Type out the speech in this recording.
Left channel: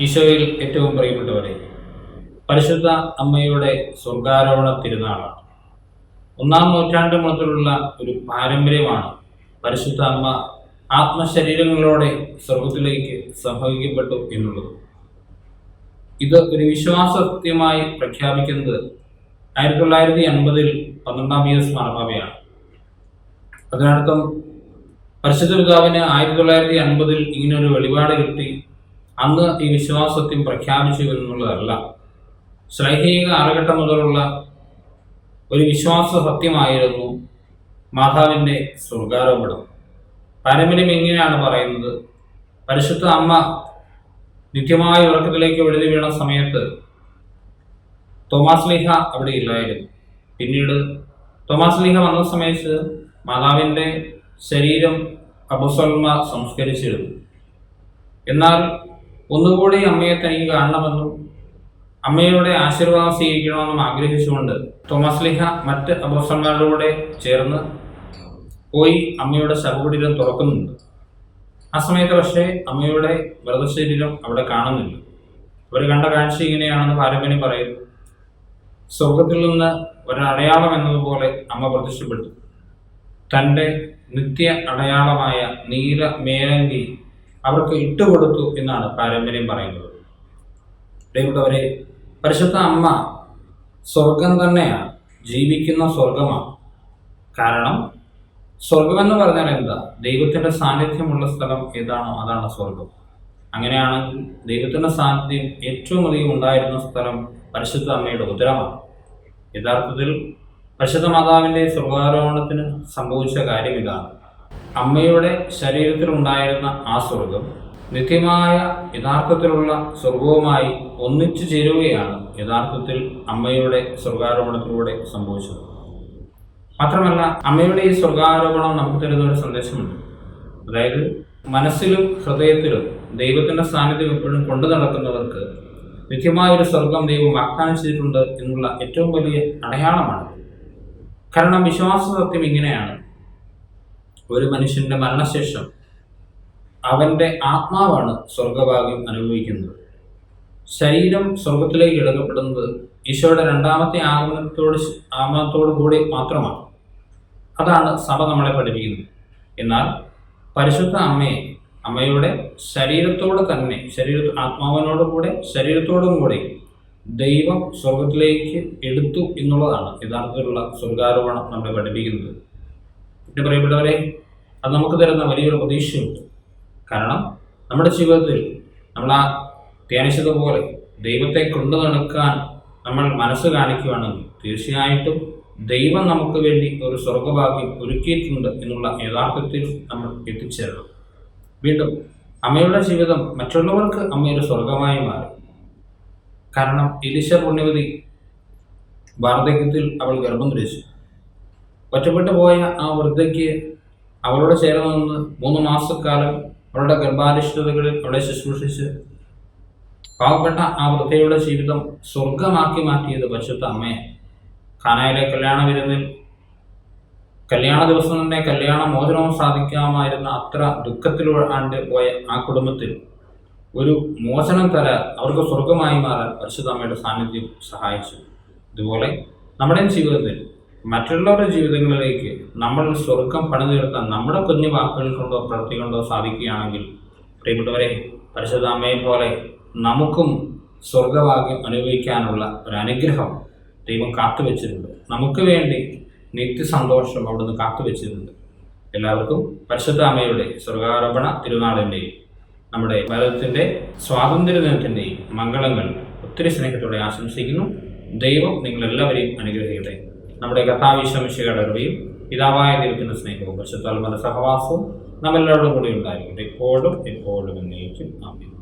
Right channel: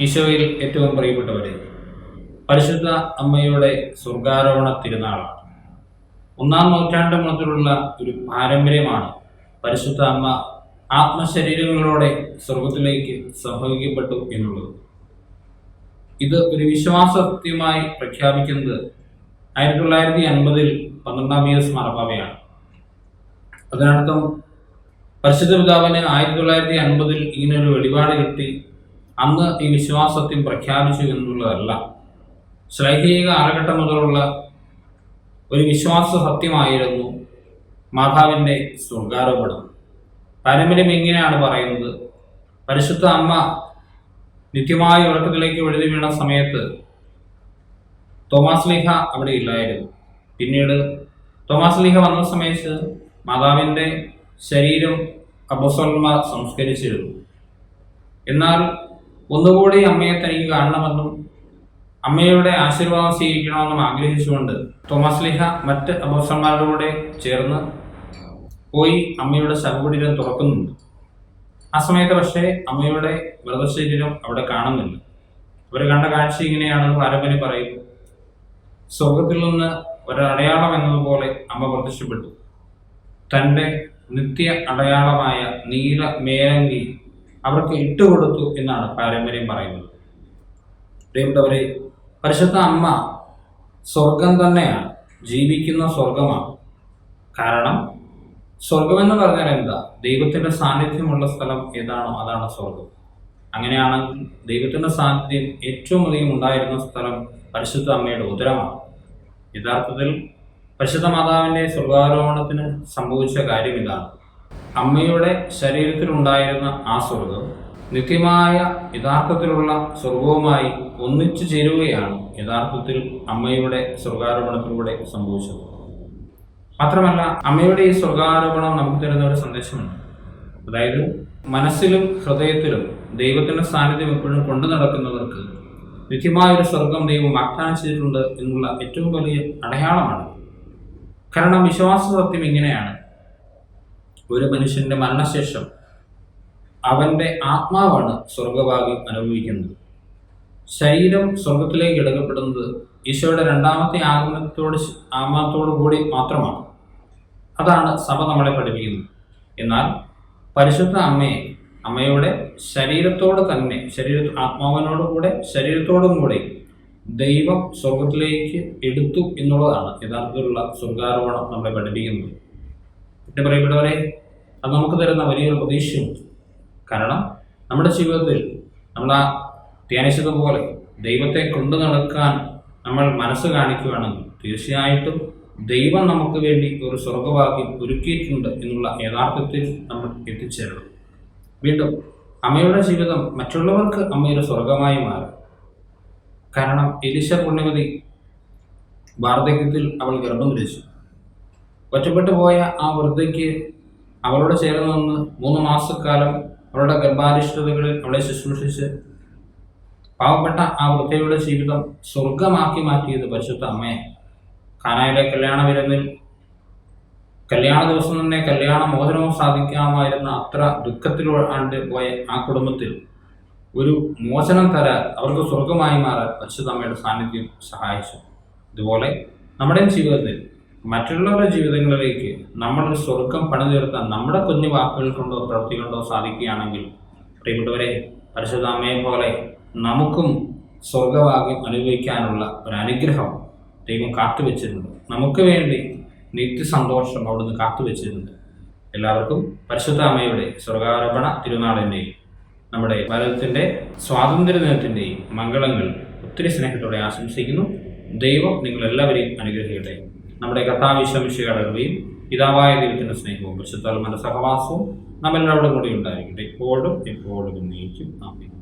ഈശോയിൽ ഏറ്റവും പ്രിയപ്പെട്ടവരെ പരിശുദ്ധ അമ്മയുടെ സ്വർഗാരോഹണ തിരുനാളാണ്. ഒന്നാം നൂറ്റാണ്ട് മുതലുള്ള ഒരു പാരമ്പര്യമാണ് പരിശുദ്ധ അമ്മ ആത്മശരീരങ്ങളോടെ സ്വർഗത്തിലേക്ക് സംഭവിക്കപ്പെട്ടു എന്നുള്ളത്. ഇത് ഒരു വിശ്വാസത്യമായി പ്രഖ്യാപിക്കുന്നത് ആയിരത്തി തൊള്ളായിരത്തി അൻപതിൽ പന്ത്രണ്ടാം ഇയേഴ്സ് മാർപ്പാവയാണ് അതിനർത്ഥം പരിശുദ്ധ പിതാവിന് ആയിരത്തി തൊള്ളായിരത്തി അൻപതിൽ ഇങ്ങനൊരു വെളിപാട് കിട്ടി അന്ന് ഈ വിശ്വാസത്യം പ്രഖ്യാപിച്ചു എന്നുള്ളതല്ല. ശ്ലൈഹിക കാലഘട്ടം മുതലുള്ള ഒരു വിശ്വാസ സത്യമായിരുന്നു മാതാവിന്റെ സ്വർഗാരോപണം. പാരമ്പര്യം എങ്ങനെയാണ് പറയുന്നത്. പരിശുദ്ധ അമ്മ നിത്യമായ ഉറക്കത്തിലേക്ക് വെഴുതി വീണ സമയത്ത് തോമാസ് ലീഹ അവിടെ ഇല്ലായിരുന്നു. പിന്നീട് തോമാസ് ലീഹ വന്ന സമയത്ത് മാതാവിന്റെ ശരീരം അബുസൽമ സംസ്കരിച്ചിരുന്നു. എന്നാൽ ഒന്നുകൂടി അമ്മയെ തനിക്ക് കാണണമെന്നും അമ്മയുടെ ആശീർവാദം സ്വീകരിക്കണമെന്നും ആഗ്രഹിച്ചുകൊണ്ട് തോമസ് ലിഹ മറ്റ് അബോസന്മാരുടെ കൂടെ ചേർന്ന് പോയി അമ്മയുടെ ശവകുടീരം തുറക്കുന്നുണ്ട്. ആ സമയത്ത് പക്ഷേ അമ്മയുടെ വ്രതശരീരം അവിടെ കാണുന്നില്ല. അവർ കണ്ട കാഴ്ച ഇങ്ങനെയാണെന്ന് പാരമ്പര്യം പറയുന്നു. സ്വർഗത്തിൽ നിന്ന് ഒരടയാളം എന്നതുപോലെ അമ്മ പ്രത്യക്ഷപ്പെട്ടു. തന്റെ നിത്യ അടയാളമായ നീല മേലങ്കി അവർക്ക് ഇട്ടുകൊടുത്തു എന്നാണ് പാരമ്പര്യം പറയുന്നത്. പ്രിയപ്പെട്ടവരെ പരിശുദ്ധ അമ്മ സ്വർഗം തന്നെയാണ്. ജീവിക്കുന്ന സ്വർഗമാണ്. കാരണം സ്വർഗമെന്ന് പറഞ്ഞാൽ എന്താ? ദൈവത്തിന്റെ സാന്നിധ്യമുള്ള സ്ഥലം ഏതാണോ അതാണ് സ്വർഗം. അങ്ങനെയാണെങ്കിൽ ദൈവത്തിന്റെ സാന്നിധ്യം ഏറ്റവും അധികം ഉണ്ടായിരുന്ന സ്ഥലം പരിശുദ്ധ അമ്മയുടെ ഉദരമാണ്. യഥാർത്ഥത്തിൽ പരിശുദ്ധ മാതാവിന്റെ സ്വർഗാരോഹണത്തിന് സംഭവിച്ച കാര്യം ഇതാണ്. അമ്മയുടെ ശരീരത്തിലുണ്ടായിരുന്ന ആ സ്വർഗം നിത്യമായ യഥാർത്ഥത്തിലുള്ള സ്വർഗവുമായി ഒന്നിച്ചു ചേരുകയാണ് യഥാർത്ഥത്തിൽ അമ്മയുടെ സ്വർഗാരോപണത്തിലൂടെ സംഭവിച്ചത്. മാത്രമല്ല അമ്മയുടെ ഈ സ്വർഗാരോപണം നമുക്ക് തരുന്ന ഒരു സന്ദേശമുണ്ട്. അതായത് മനസ്സിലും ഹൃദയത്തിലും ദൈവത്തിന്റെ സാന്നിധ്യം എപ്പോഴും കൊണ്ടു നടക്കുന്നവർക്ക് നിത്യമായൊരു സ്വർഗം ദൈവം വാഗ്ദാനം ചെയ്തിട്ടുണ്ട് എന്നുള്ള ഏറ്റവും വലിയ അടയാളമാണ്. കാരണം വിശ്വാസ സത്യം ഇങ്ങനെയാണ്. ഒരു മനുഷ്യന്റെ മരണശേഷം അവന്റെ ആത്മാവാണ് സ്വർഗഭാഗ്യം അനുഭവിക്കുന്നത്. ശരീരം സ്വർഗത്തിലേക്ക് എടുക്കപ്പെടുന്നത് ഈശോയുടെ രണ്ടാമത്തെ ആഗമനത്തോട് ആഗമനത്തോടു കൂടി മാത്രമാണ്. അതാണ് സഭ നമ്മളെ പഠിപ്പിക്കുന്നത്. എന്നാൽ പരിശുദ്ധ അമ്മയെ അമ്മയുടെ ശരീരത്തോട് തന്നെ ശരീര ആത്മാവിനോട് കൂടെ ശരീരത്തോടും കൂടെ ദൈവം സ്വർഗത്തിലേക്ക് എടുത്തു എന്നുള്ളതാണ് യഥാർത്ഥത്തിലുള്ള സ്വർഗാരോപണം നമ്മളെ പഠിപ്പിക്കുന്നത്. പിന്നെ പറയപ്പെട്ടവരെ അത് നമുക്ക് തരുന്ന വലിയൊരു പ്രതീക്ഷയുണ്ട് കാരണം നമ്മുടെ ജീവിതത്തിൽ നമ്മൾ ആ ധ്യാനിച്ചതുപോലെ ദൈവത്തെ കൊണ്ടു നടക്കാൻ നമ്മൾ മനസ്സ് കാണിക്കുകയാണെങ്കിൽ തീർച്ചയായിട്ടും ദൈവം നമുക്ക് വേണ്ടി ഒരു സ്വർഗഭാഗ്യം ഒരുക്കിയിട്ടുണ്ട് എന്നുള്ള യഥാർത്ഥത്തിൽ നമ്മൾ എത്തിച്ചേരണം. വീണ്ടും അമ്മയുടെ ജീവിതം മറ്റുള്ളവർക്ക് അമ്മയുടെ സ്വർഗമായി മാറി. കാരണം എലിശ പുണ്യവതി വാർദ്ധക്യത്തിൽ അവൾ ഗർഭം ധരിച്ചു. ഒറ്റപ്പെട്ടു പോയ ആ വൃദ്ധയ്ക്ക് അവളോട് ചേർന്ന് നിന്ന് മൂന്ന് മാസക്കാലം അവളുടെ ഗർഭാരിഷ്ടതകളിൽ അവളെ ശുശ്രൂഷിച്ച് പാവപ്പെട്ട ആ വൃദ്ധയുടെ ജീവിതം സ്വർഗമാക്കി മാറ്റിയത് പരിശുദ്ധ അമ്മയെ. കാനായിലെ കല്യാണ വിരുന്നിൽ കല്യാണ ദിവസം തന്നെ കല്യാണ മോചനവും സാധിക്കാമായിരുന്ന അത്ര ദുഃഖത്തിലാണ്ട് പോയ ആ കുടുംബത്തിൽ ഒരു മോചനം തരാൻ അവർക്ക് സ്വർഗമായി മാറാൻ പരിശുദ്ധ അമ്മയുടെ സാന്നിധ്യം സഹായിച്ചു. ഇതുപോലെ നമ്മുടെ ജീവിതത്തിൽ മറ്റുള്ളവരുടെ ജീവിതങ്ങളിലേക്ക് നമ്മൾ സ്വർഗം പണിതീർത്താൻ നമ്മുടെ കുഞ്ഞു വാക്കുകൾ കൊണ്ടോ പ്രവൃത്തി കൊണ്ടോ സാധിക്കുകയാണെങ്കിൽ പ്രിയപ്പെട്ടവരെ പരിശുദ്ധാമയെ പോലെ നമുക്കും സ്വർഗഭാഗ്യം അനുഭവിക്കാനുള്ള ഒരു അനുഗ്രഹം ദൈവം കാത്തുവെച്ചിട്ടുണ്ട്. നമുക്ക് വേണ്ടി നിത്യസന്തോഷം അവിടുന്ന് കാത്തുവെച്ചിട്ടുണ്ട്. എല്ലാവർക്കും പരിശുദ്ധാമയുടെ സ്വർഗാരോപണ തിരുനാളിന്റെയും നമ്മുടെ ഭാരതത്തിന്റെ സ്വാതന്ത്ര്യ ദിനത്തിന്റെയും മംഗളങ്ങൾ ഒത്തിരി സ്നേഹത്തോടെ ആശംസിക്കുന്നു. ദൈവം നിങ്ങളെല്ലാവരെയും അനുഗ്രഹിക്കട്ടെ. നമ്മുടെ കഥാവിശ്വമിശയുടെ അറിവയും പിതാവായ ദൈവത്തിന്റെ സ്നേഹവും പരിശുദ്ധാത്മന്റെ സഹവാസവും നമ്മെല്ലാവരോടും കൂടി ഉണ്ടായിരിക്കട്ടെ. എപ്പോഴും എപ്പോഴും എന്നേക്കും. ആമേൻ.